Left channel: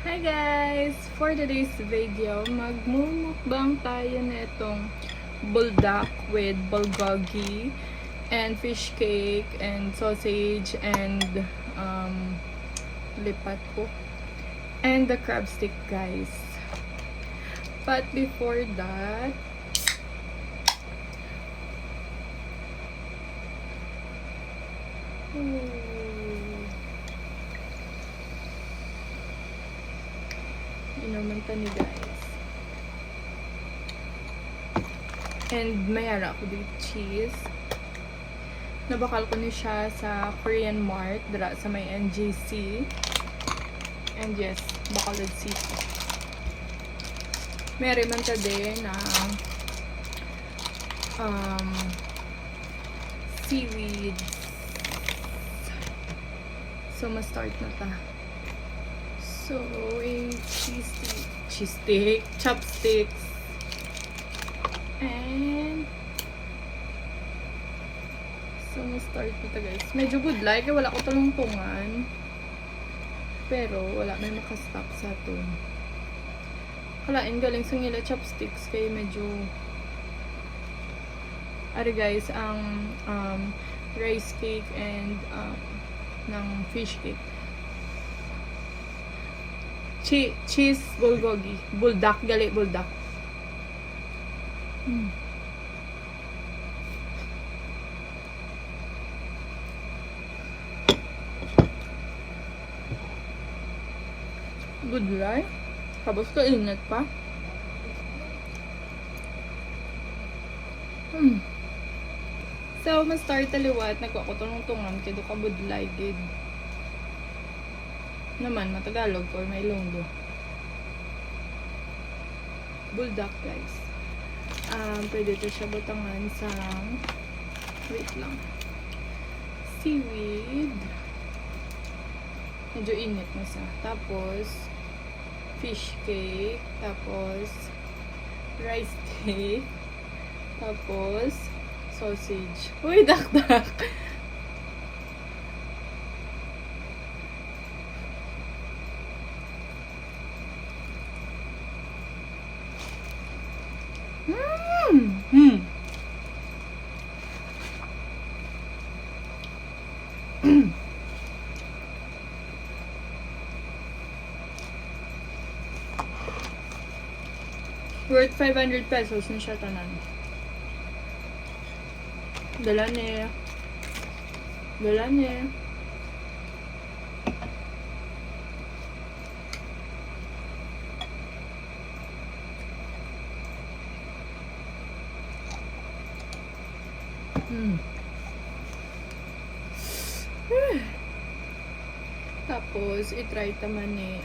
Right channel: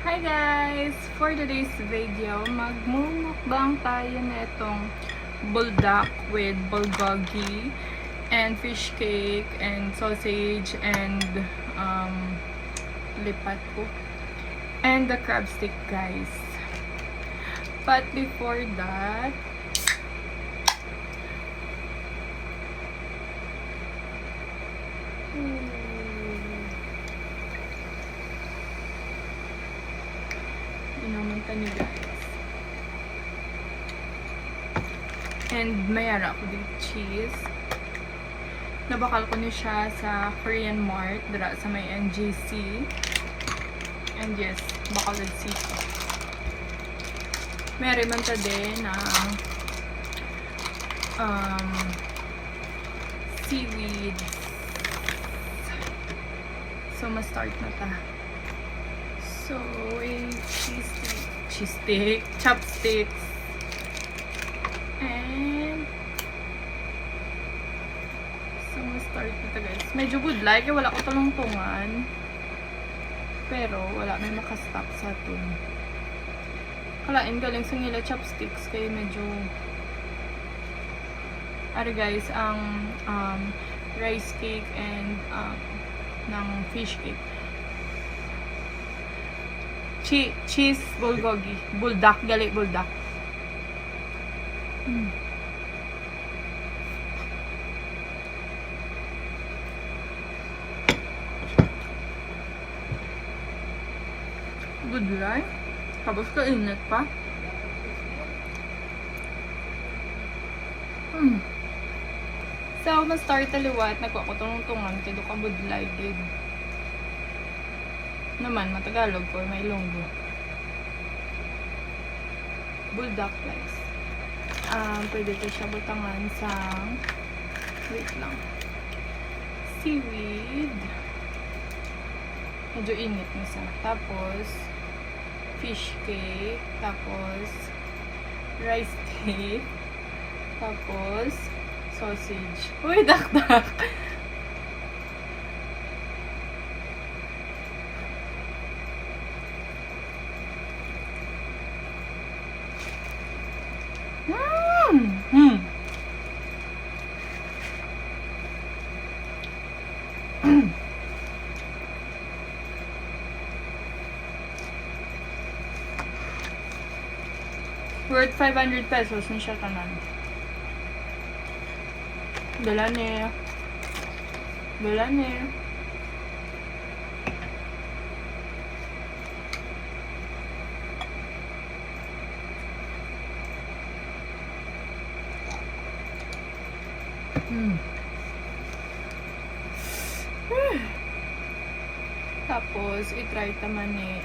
Hi guys! For today's video, magmumukbang tayo na itong buldak with bulgogi and fish cake and sausage and lipat po and the crab stick guys. But before that, inuman ni guys. And mayara ko dito cheese. Nabakal ko niya siya sa Korean Mart dira sa may NGC. And yes, Bacolod City. Meron man ta din ng seaweed. So, ma-start na ta. So, cheese stick, chopsticks, and so, ma-start na ta guys. Medyo good like, wala ko talungtungan. Pero, wala may makastop sa ito. Kalain galing sa nila chopsticks kay medyo ari guys, ang rice cake and ng fish cake. Cheese bulgogi. Buldak. Gali buldak. Good life. Tapos kainit pa. So, ma-start taliwat. Nagwa ko tuntungan. Kaya ka budlay gid. Naman, matagalog or may longgo. Buldak guys. Pwede ko siya butangan sa wait lang. Seaweed. Medyo init na siya. Tapos fish cake. Tapos rice cake. Tapos sausage. Uy, dakdak! Worth 500 pesos na siya tanan. Dala niya. Tapos, itry taman ni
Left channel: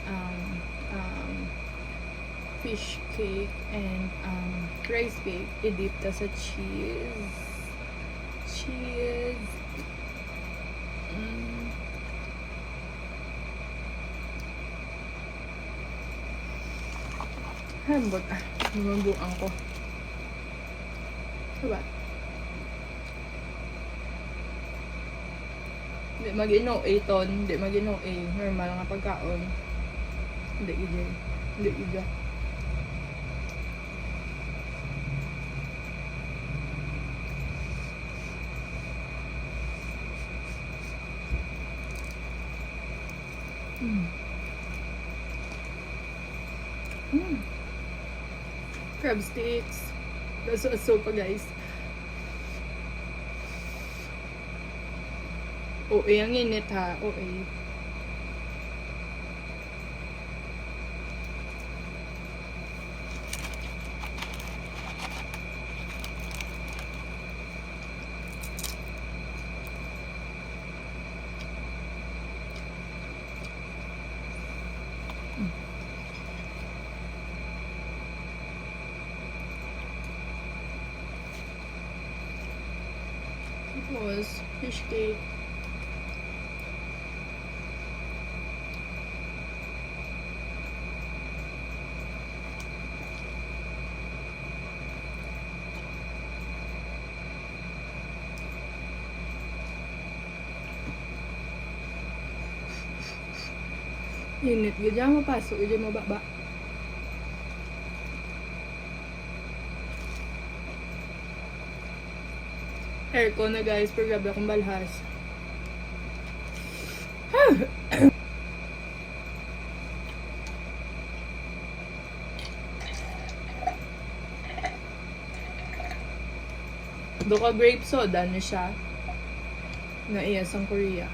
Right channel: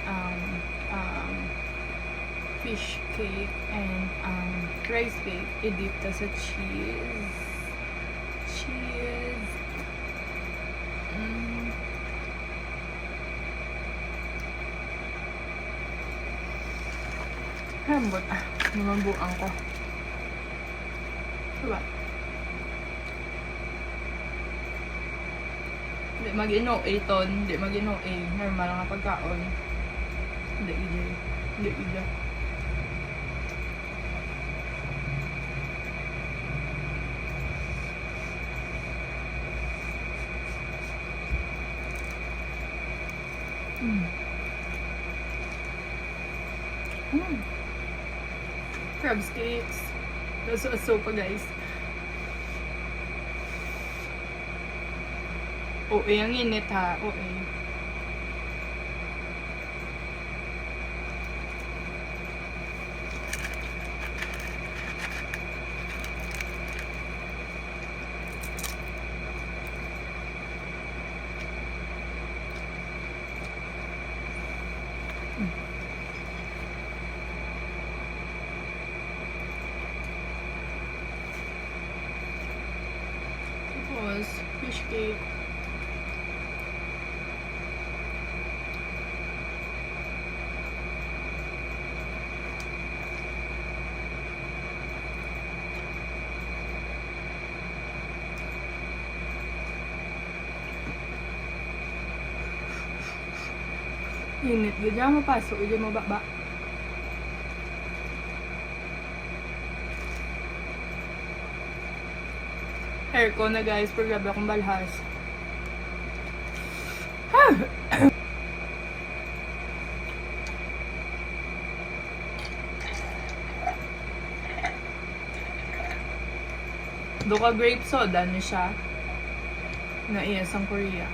fish cake and rice cake. I-dip ta sa cheese. Hambot namabuang ko. Diba? Hindi mag-ino ton. Hindi mag-ino normal nga pagkaon. Hindi ija. Crab sticks. That's a sopa guys. Ang init ha. Tapos, fish cake. Init, gudya mapasok, gudya mo baba. Aircon na guys, pero grabe akong balhas. Doka grape soda na siya. Na iya sang Korea.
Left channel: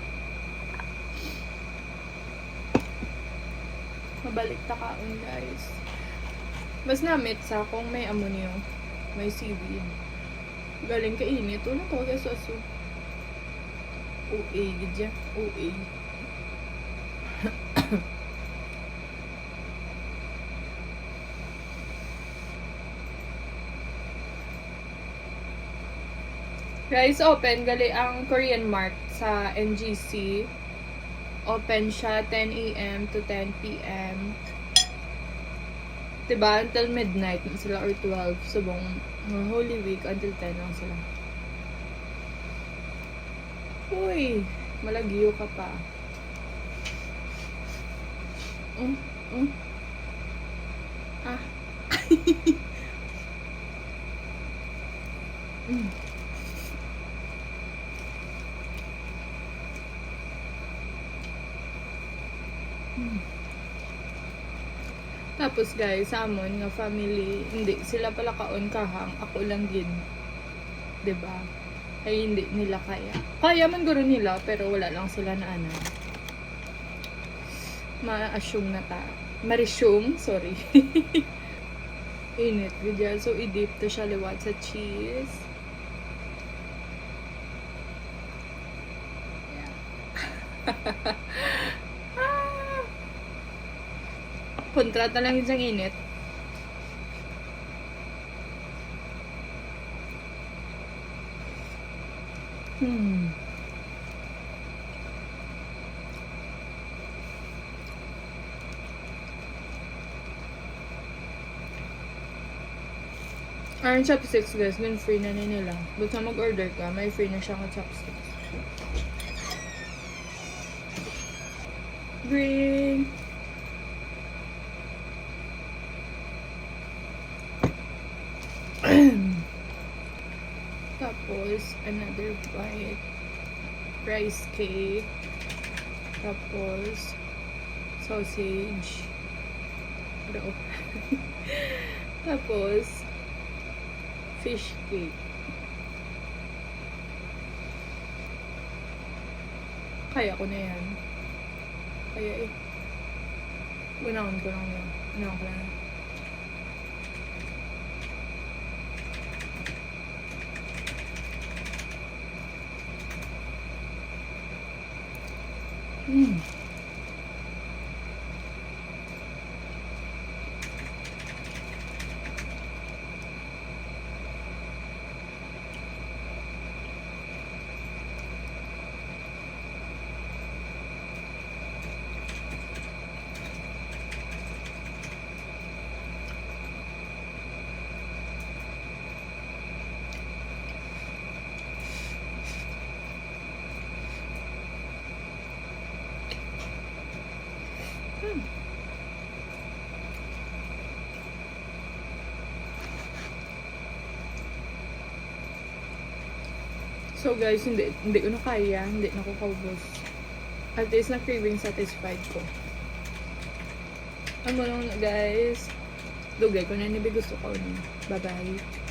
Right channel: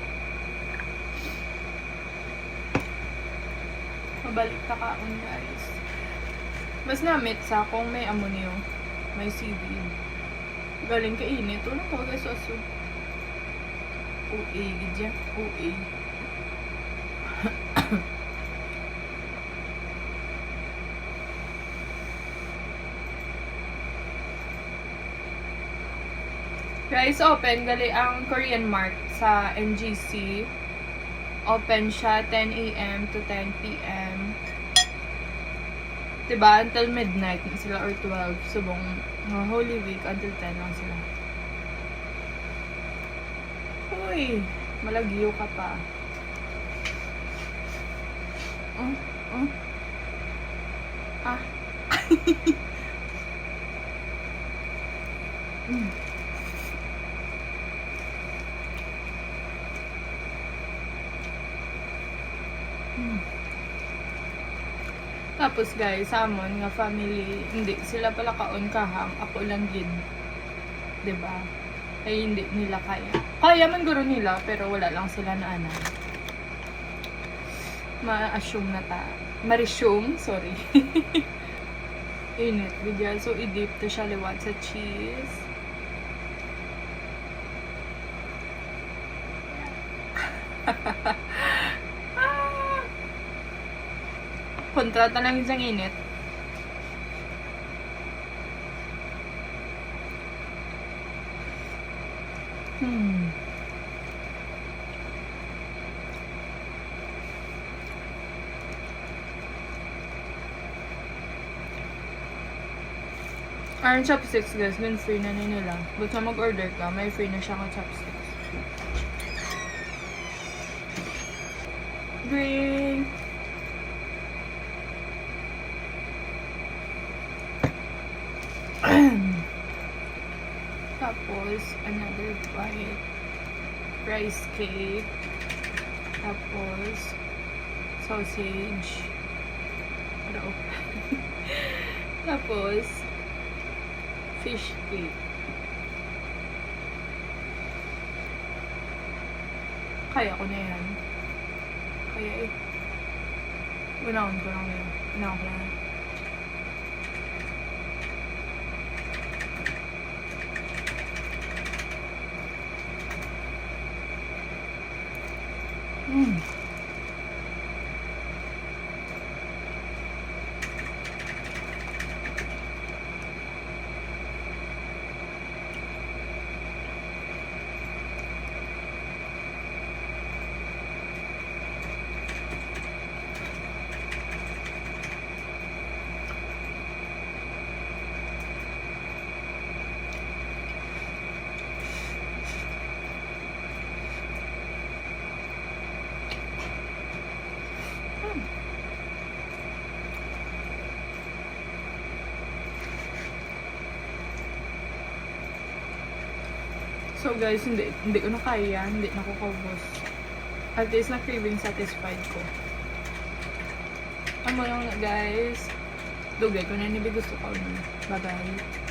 Mabalik ta kaon guys. Mas namit sa kung may amonyo. May seaweed. Galing ka init. Ulang to guys aso. OA gidya. OA. Guys, open gali ang Korean Mart sa NGC. Open siya 10 AM to 10 PM. Diba? Until midnight na sila or 12. Subong Holy Week until 10 lang sila. Uy, malagyo ka pa. Ah. Tapos guys, sa amon nga family, hindi sila pala kaon kahang, ako lang gid. 'Di ba? Ay hindi nila kaya. Kaya man guro nila pero wala lang sila na ana. Ma-assume na ta. Ma-resume, sorry. Init gudya, so i-dip to siya liwat sa cheese. Kontrata lang yung init. Ang chopsticks guys, dun free na nila. Basta mag-order ka, may free na siyang chopsticks. Drink! Tapos, another bite. Rice cake. Tapos, sausage. Ano? Tapos, fish cake. Kaya ko na yan. Kaya eh. Unahon ko lang yan. Unahon ko lang yan. So guys, hindi ko na kaya, hindi na ko kaubos. At least na craving satisfied ko. Ano yung guys, dugay ko na nibi gusto ko nun. Bye bye.